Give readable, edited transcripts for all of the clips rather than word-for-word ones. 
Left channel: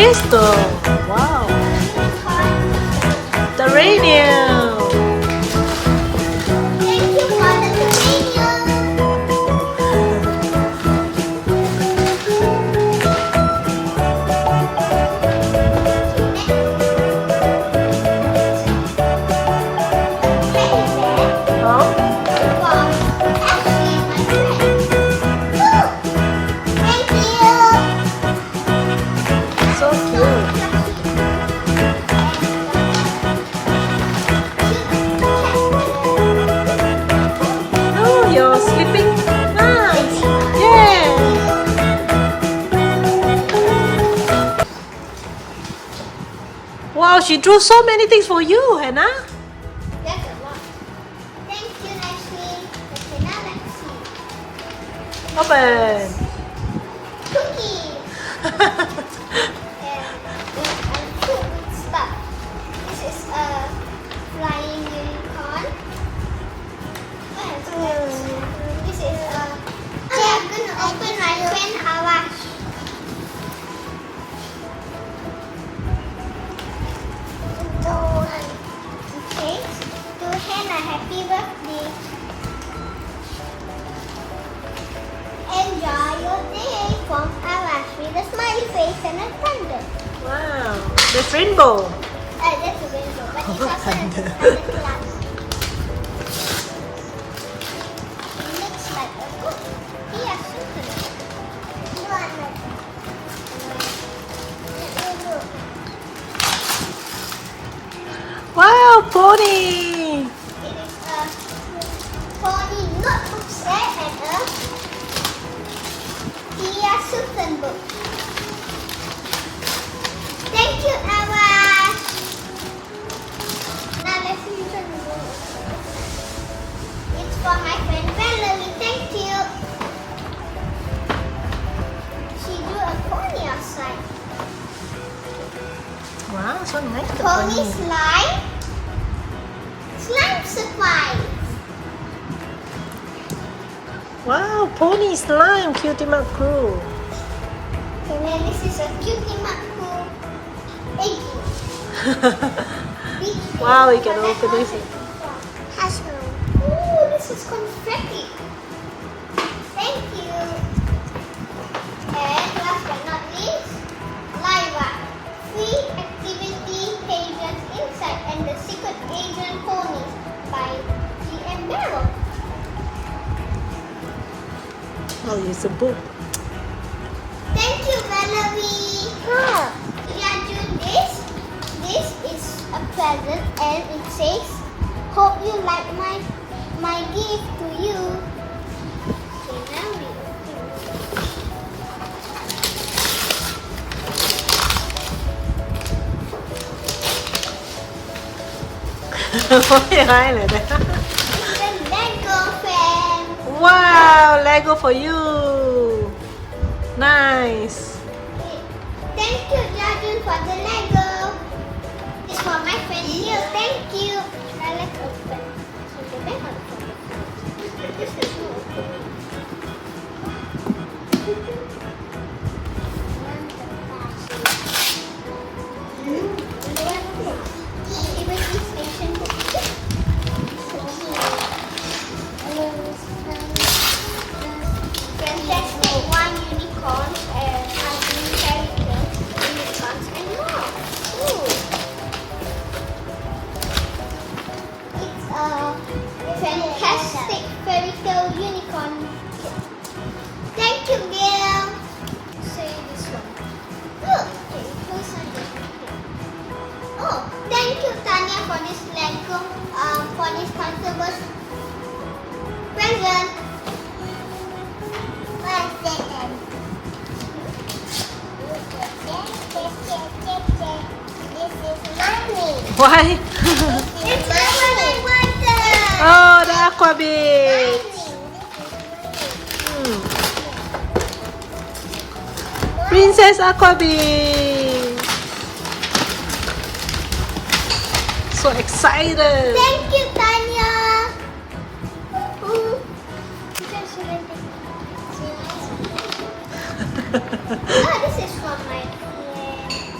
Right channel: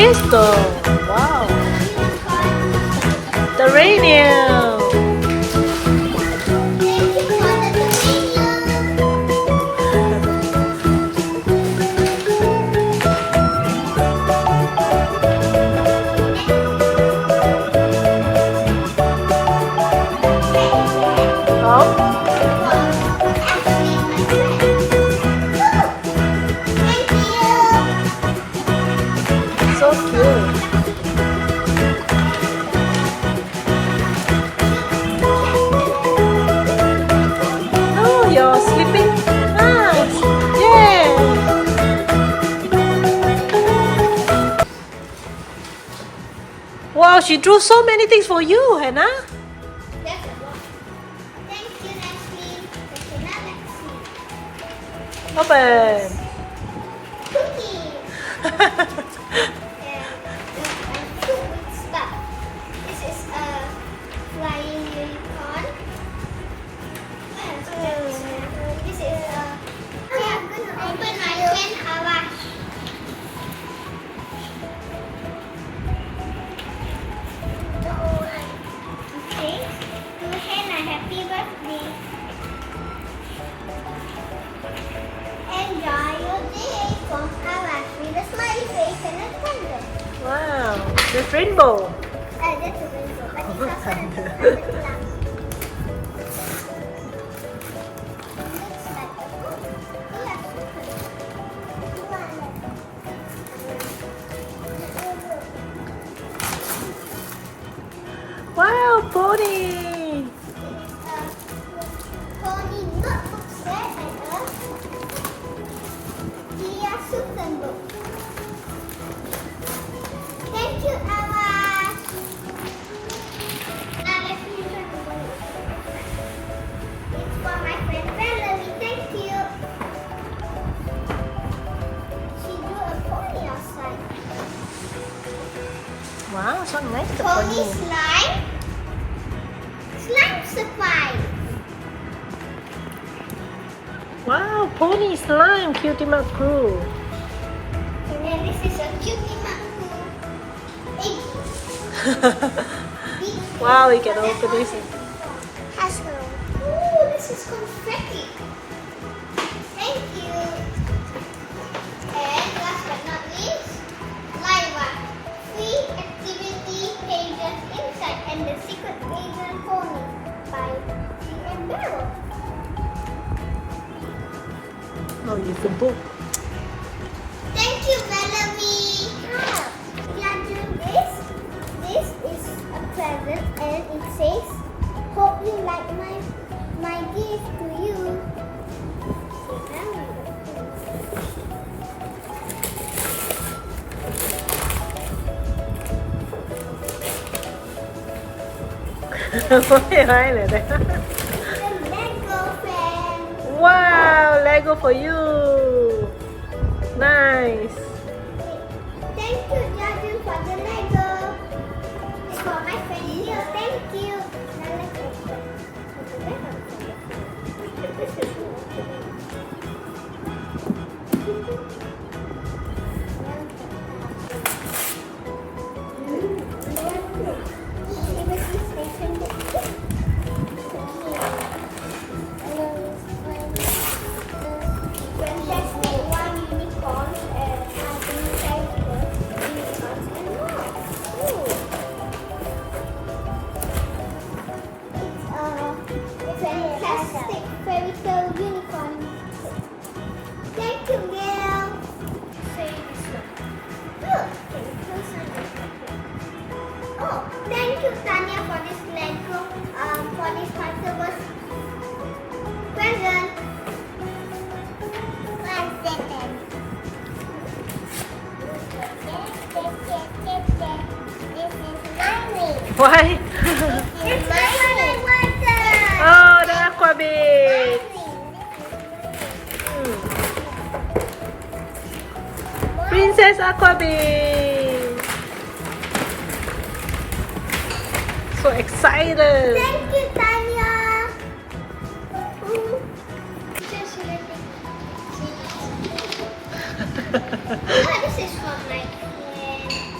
crystal. Wow. The radio. Thank you for the convenience. Oh, so cute. Oh, you're sleeping. Nice. Yeah. Wow, she drew so many things for you, Hannah. That's a lot. Thank you, Lakshmi. That's another Lakshmi. Open. Cookie. Soup stuff. This is a flying unicorn. This is a. I'm gonna open my pen, Hawash. Okay. To Hannah, happy birthday. Enjoy your day from Hawash with a smiley face and a thunder. Wow, that's rainbow. That's a rainbow, but it's also Thunder. a cloud. Looks like a book. Yes, Wow, pony. it is a pony notebook set and a Tia Sutton book. Thank you, Awash. Now let's use the book. It's for my friend Valerie. Thank you. She drew a pony outside. Wow, so nice the Pony pony. slime. Slime surprise. Wow, pony slime, cutie crew. And this is a cutie Maku egg. Wow, you can open this. Hasbro. Ooh, this is confetti. Thank you. And last but not least, Liva. Free activity pages inside and the secret agent pony by G.M. Barrow. Oh, it's a book. Thank you, Valerie. Yeah, do this. This is a present and it says, hope you like my gift to you. Okay, now we open. Ôi, hay này đấy. It's a Lego fan. Wow, Lego for you. Nice. Thank you, Jordan, for the Lego. It's for my friend here. Thank you. Now let's open. Fantastic one unicorn and cartoon characters, unicorns and more. Ooh. It's a fantastic fairy tale unicorn. Thank you, Gail. Say this one. Look, okay, close on this one here. Oh, thank you, Tanya, for this Lego, for this Conservers present. Why? It's Aquaman water. Oh, the aqua beach. Princess Aqua Beach. So excited. Thank you, Tanya. Oh, this is for my friend.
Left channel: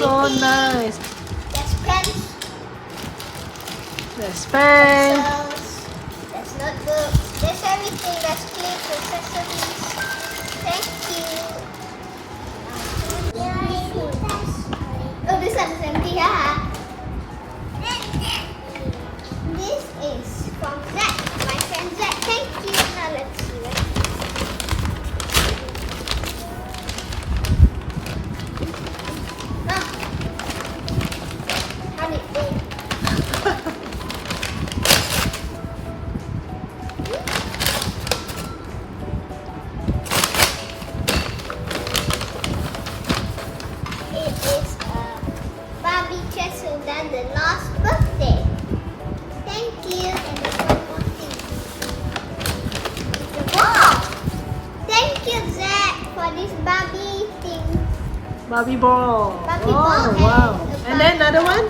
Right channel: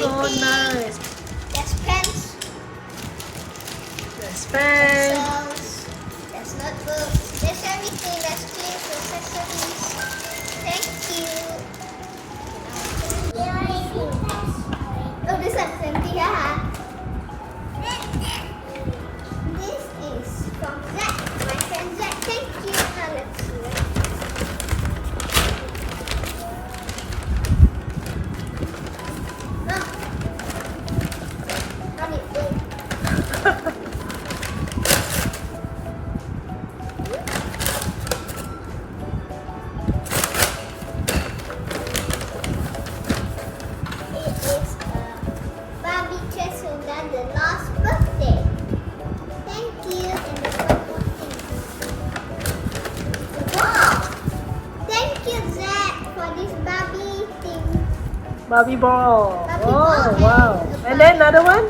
So nice. There's pens, There's pen. pencils, there's notebooks, there's everything. There's clips, accessories. Thank you. Oh, this one's empty, haha. This is from Zach, my friend Zach. Thank you. Now let's see what. How did it go? It is a Barbie Castle done the last birthday. Thank you. And there's one more thing. Wow! Thank you, Zach, for this Barbie thing. Barbie ball. Barbie Oh, ball wow. and And then another one?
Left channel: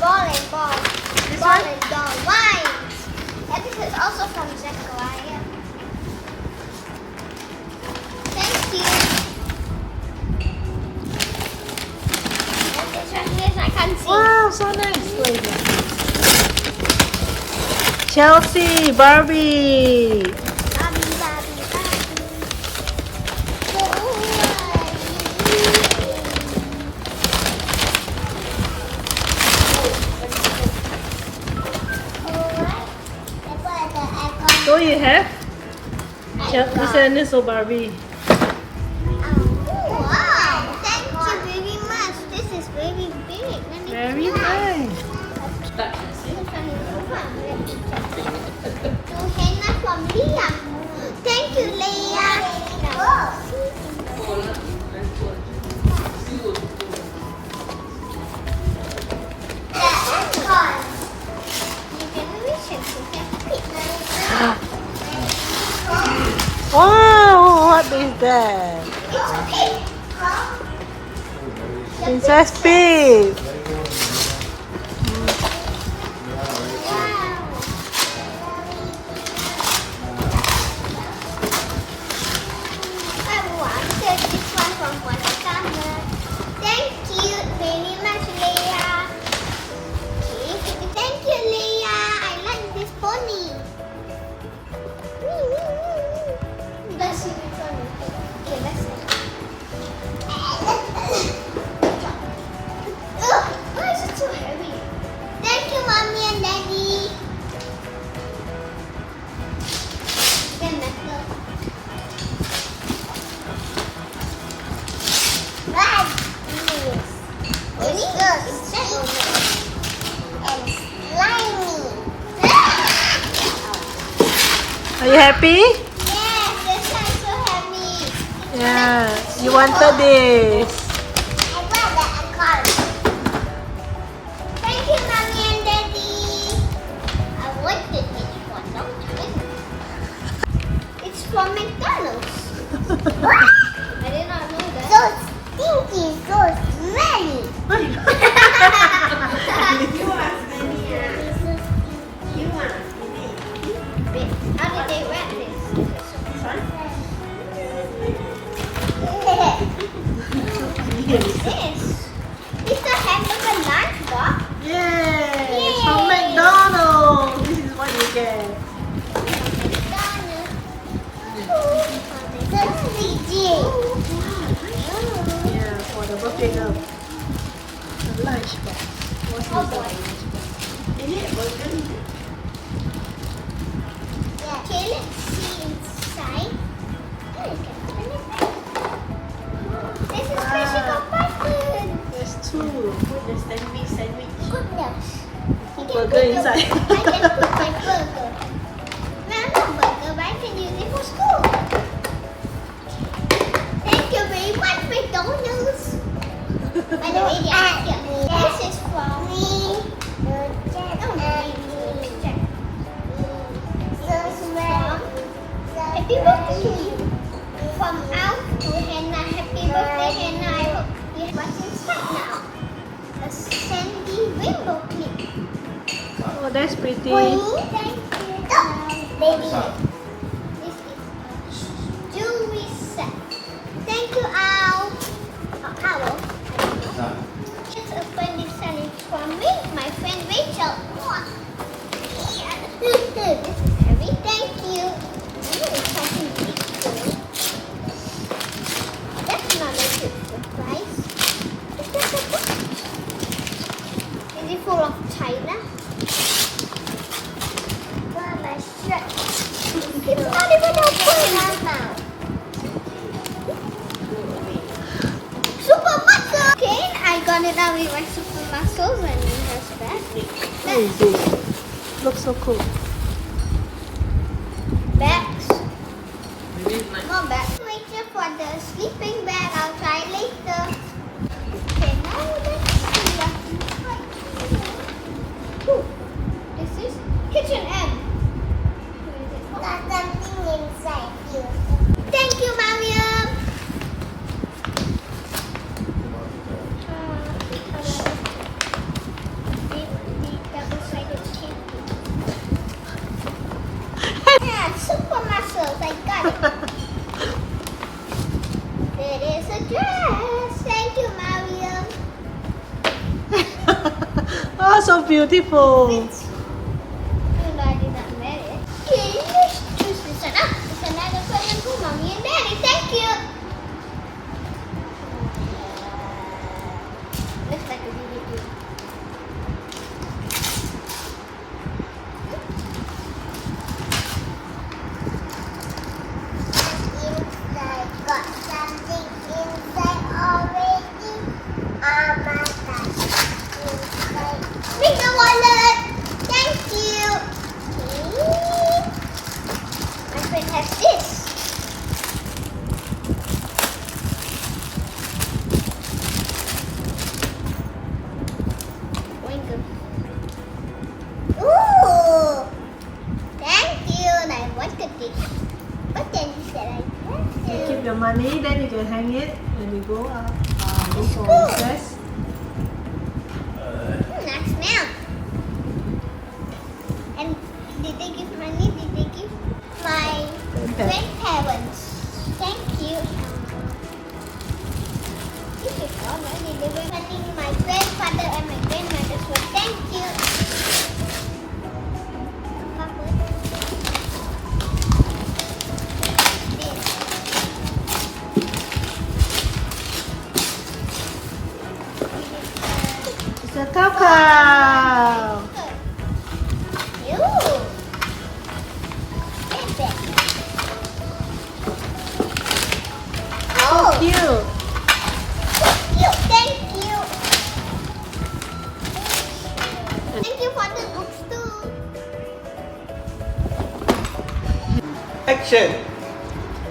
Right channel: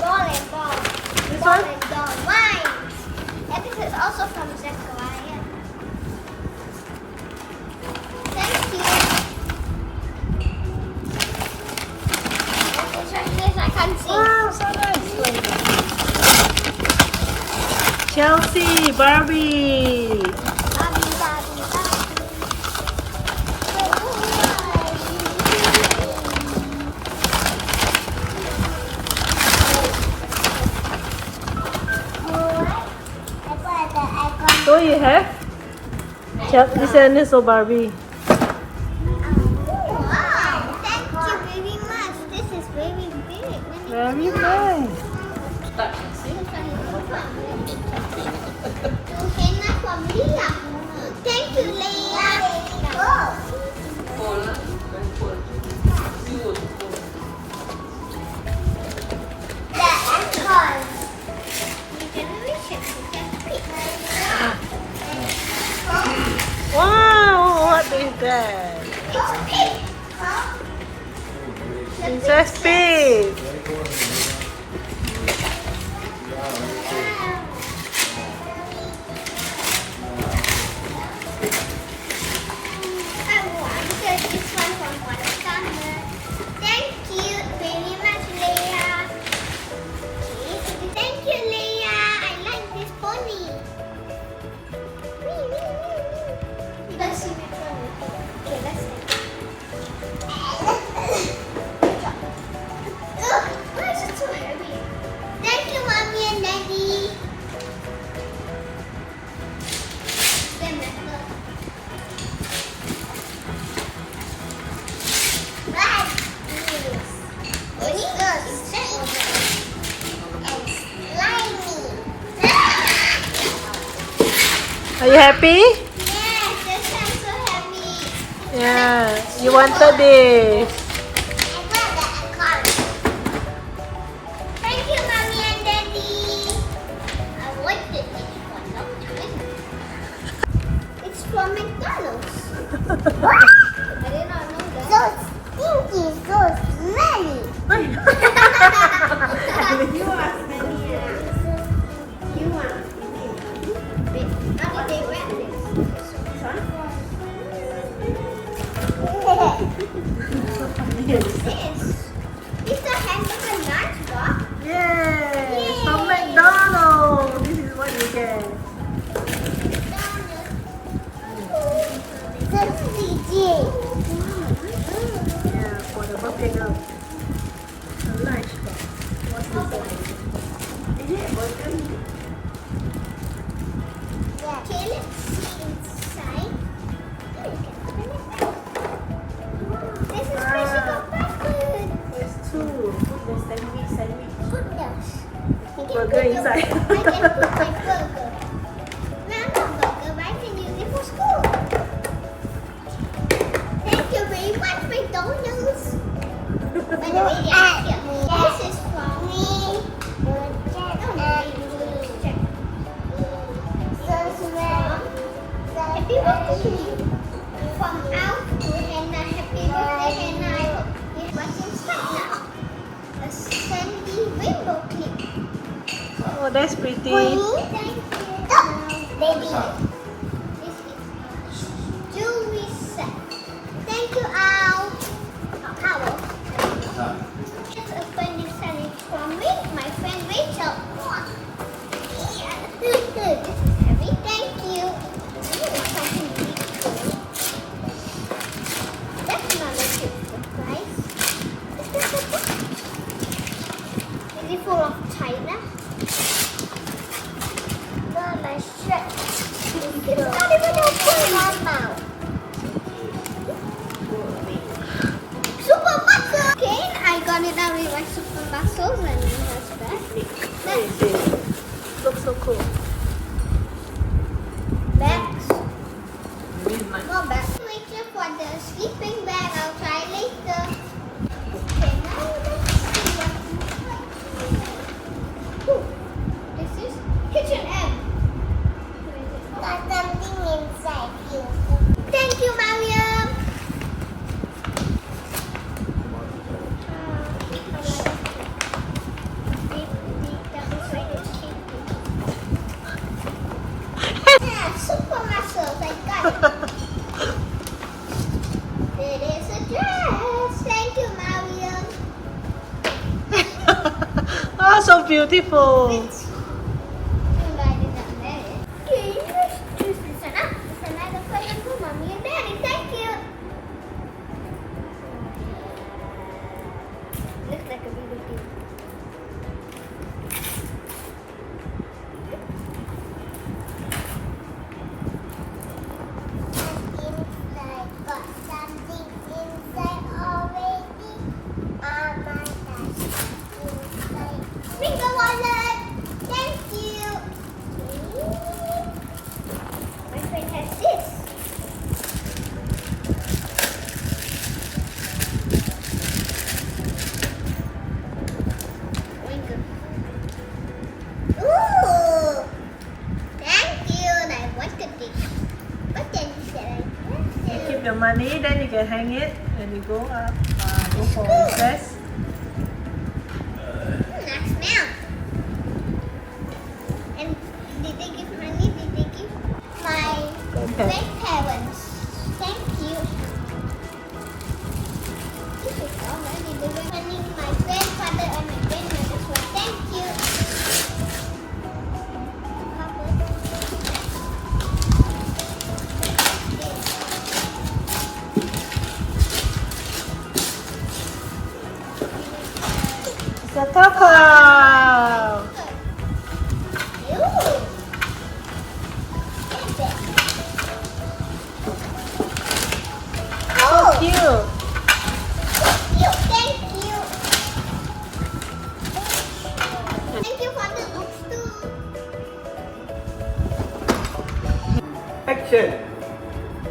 Ball and ball. This Ball one? and doll. Mine. And this is also from Zachariah. Thank you. And this one is I can't see. Wow, so nice. Chelsea, Barbie. Barbie, Barbie, Barbie. So you have? This one is so Barbie. Wow! Thank you very much. This is very big. Let me Very try. nice. To henna from Leah. Thank you, Leah. Wow, what is that? Princess Pig. I wanted this one from Watercolor. Thank you very much, Leah. Okay, thank you, Leah. I like this pony. Let's see which one we pick. Okay, let's see. Ugh, why is it so heavy? Thank you, Mommy and Daddy. Then metal. Are you happy? Yes, this is so heavy. Yeah, you wanted this. Thank you, Mommy and Daddy. I wanted this for a long time. It's from McDonald's. I did not know that. So stinky, so smelly. How did they wrap this? This? It's a hamburger lunchbox. Yay! From McDonald's. This is what you get. Yeah, for the birthday girl. The lunchbox. What's inside? Okay, let's see inside. Oh, you can open it. This is special pattern. There's two. Goodness. Put burger inside. I can put my burger. No, not burger, but I can use it for school. Thank you very much, McDonald's. By the way, they are here. This is from me. Oh, no, happy birthday from Alf to Hannah. Happy birthday, Hannah. I hope you know what's inside now. A sandy rainbow clip. Oh, that's pretty. Thank you. Baby. This is jewelry set. Thank you, Al. Oh, Owl. Now we want super muscles and we have that. What is this? Looks so cool. Bags. Maybe it might. More bags. Wait for the sleeping bag. I'll try later. Okay, now let's see. Ooh, this is kitchen egg. Got something inside you. Thank you, Mariam. Yeah, super muscles. I got it. It is a dress. Thank you, Mariam. Oh, so beautiful. Everybody got married. Let's choose this one up. It's another present for Mommy and Daddy. Thank you. Looks like a DVD. Inside, got something inside already. Oh my gosh. Bring the wallet. Thank you. Okay. My friend has this. Ooh. Thank you. I wanted this. But then you said I You wanted. keep the money, then you can hang it when you go up. Go It's for cool. recess. Nice smell. And did they give money? Did they give my grandparents? Thank you. This is already the money my grandfather and my grandmother for. Thank you. Papa. It's a cow. Ooh. Oh, Cute. cute. Thank you. Thank you for the books too. Action!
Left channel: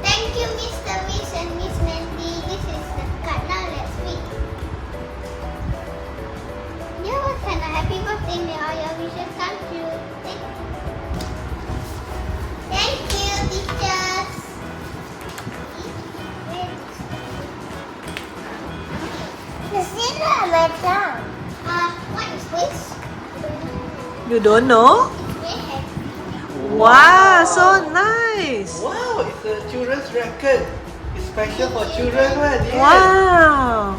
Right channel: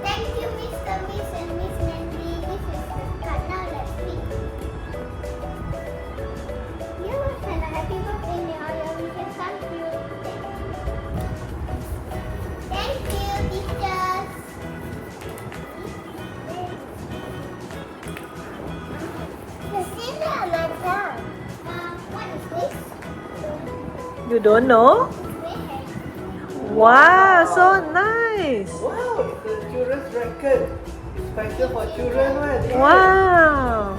Thank you, Mr. Miss and Miss Mandy. This is the card. Now let's read. Yeah, what kind of happy birthday? May all your wishes come true. Thank you, teachers. What is this? You don't know? It's red. Wow, so nice. Wow, it's a children's record. It's special for children, right? Yeah. Wow.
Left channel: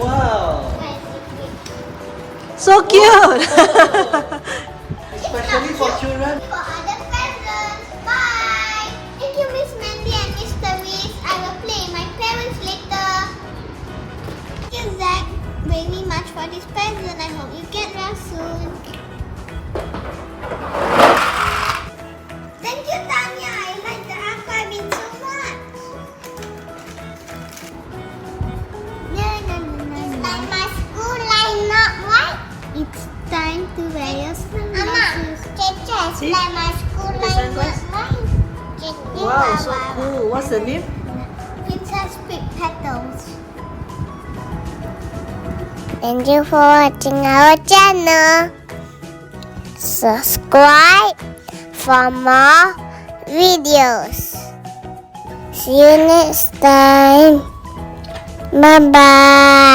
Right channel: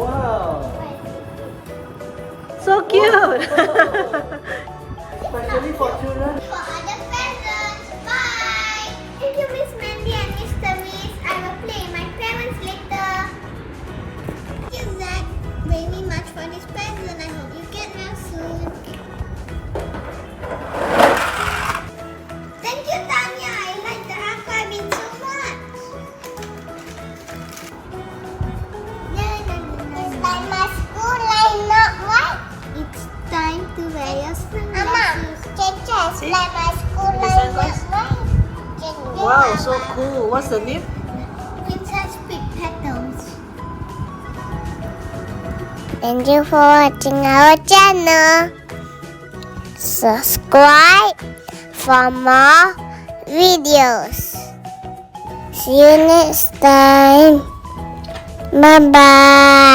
Wow. So cute. Especially for children. For other presents. Bye. Thank you, Miss Mandy and Mr. Miss. I will play my parents later. Thank you, Zach, very much for this present. I hope you get well soon. Thank you, Tanya. I like the archiving so much. It's like my school line, not right. It's time to wear your sunglasses. It's See? like my school The line, not sunglasses? right. Wow, so cool. What's the name? Princess Pig Petals. Thank you for watching our channel. Subscribe for more videos. See you next time. Bye bye.